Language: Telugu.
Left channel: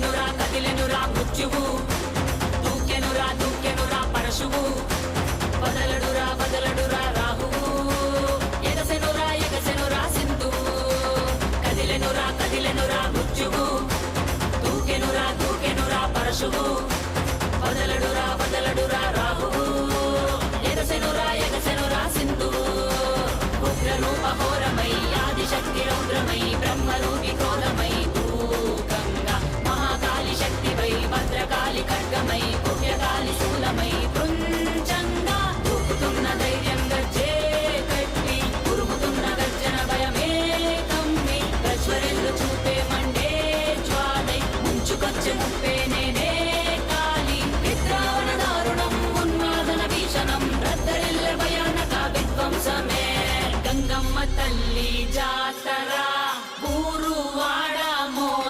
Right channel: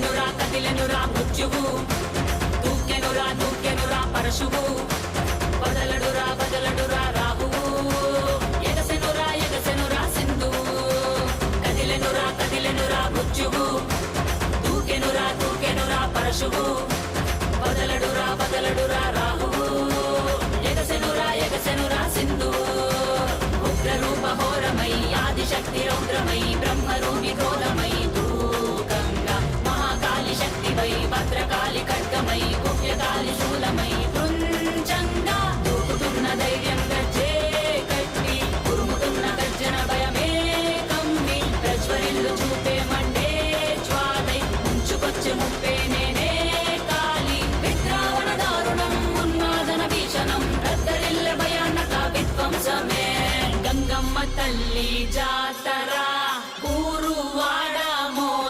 కదిలెనురా కదిలెనురా మృత్యువు, దూకెనురా పరశువు, వదలడురా రాహువు, ఎగసెనురా సింధువు. కదిలెనురా మృత్యువు, దూకెనురా పరశువు, వదలడురా రాహువు, ఎగసెనురా సింధువు. ఉగ్రరూప ఘోరమై ఆదిశక్తి రౌద్రమై బ్రహ్మరూపి క్రోధమై దూకంగా, మహాకాళి శక్తివై భద్రకాళి ఖడ్గమై గుహ్యకాళి శూలమై పృంచంగా, దూకుతున్న ధైర్యం గర్జే కట్టి ఉరుముతున్న గర్జన భయమే కమ్మి, ప్రజ్వరిల్లు చూపే మండే జ్వాలై ముంచుకొచ్చే ముప్పే నేనే కాళి. విద్రావణ దారుణం ఉన్మాదన భీషణం రద్దరిల్లె భయానక విధ్వంసమే. గంగమ్మ తల్లి జాతర ఊరు వాడ